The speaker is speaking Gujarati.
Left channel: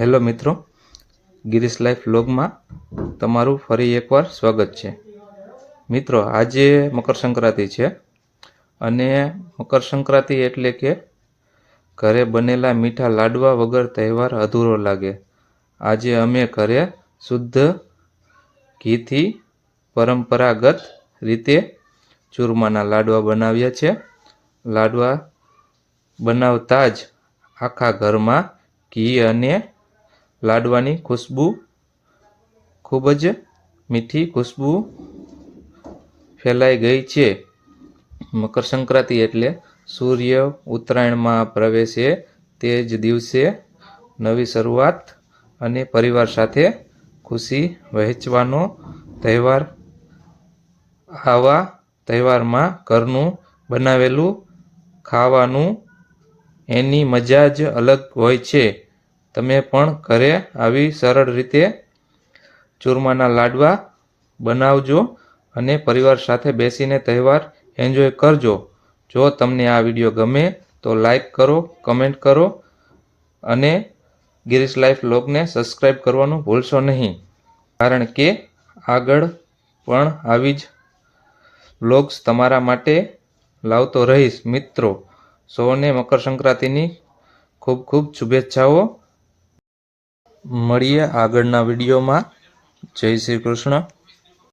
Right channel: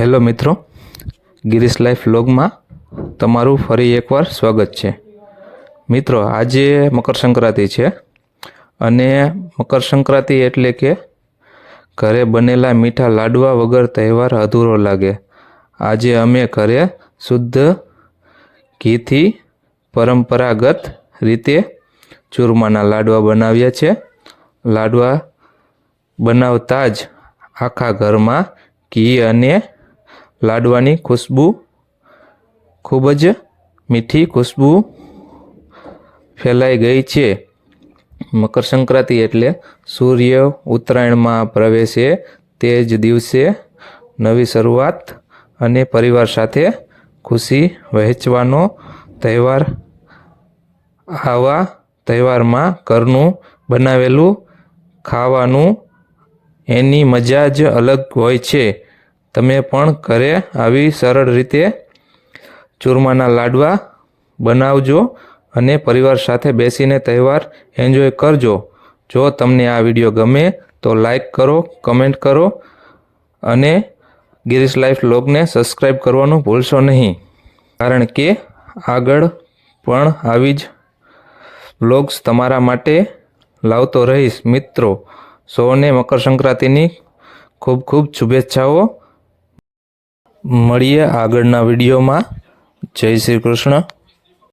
હેલો મિત્રો, ગિરીશ લાઈફ વ્લોગમાં તમારું ફરી એકવાર સ્વાગત છે. મિત્રો, આજે મકર સંક્રાંતિ છે અને મકર સંક્રાંતિ એટલે કે ઘરે બનેલા મીઠા લાડવા વગર તહેવાર અધૂરો લાગે. આજે અમે ઘરે શુદ્ધ ઘીથી પરંપરાગત રીતે ચૂરમાના લાડવા બનાવ્યા છે. લાડવા બનાવતા જ આખા ઘરમાં ઘી અને લાડવાની ખુશ્બુ, ખૂબ જ મીઠી ખુશ્બુ ફેલાઈ ગઈ છે. મકર સંક્રાંતિ એટલે સૂર્ય ઉત્તરાયણમાં પ્રવેશે તે જ દિવસે નવી શરૂઆત અને પરિવાર સાથે ખુશી વહેંચવાનો તહેવાર આવા તહેવારમાં ઘરનું બનાવેલું ખાવાનું એની મજા જ અલગ હોય છે. તમે પણ ઘરે આવી સરળ રીતે ચૂરમાના લાડવા બનાવજો અને પરિવાર સાથે બેસીને તહેવાર એન્જોય કરજો. જો તમને આ વીડિયો ગમે તો લાઈક કરો કમેન્ટ કરો અને ગિરીશ લાઈફ લોગને સબસ્ક્રાઈબ કરવાનું ભૂલશો નહીં. કારણ કે આગળ પણ આવી જ બ્લોગ્સ તમારા માટે લાવતો રહીશ. મિત્રો, સૌને મકર સંક્રાંતિની ખૂબ ખૂબ શુભેચ્છાઓ. મળીએ આગળના વિડીયોમાં. જય શ્રી કૃષ્ણ.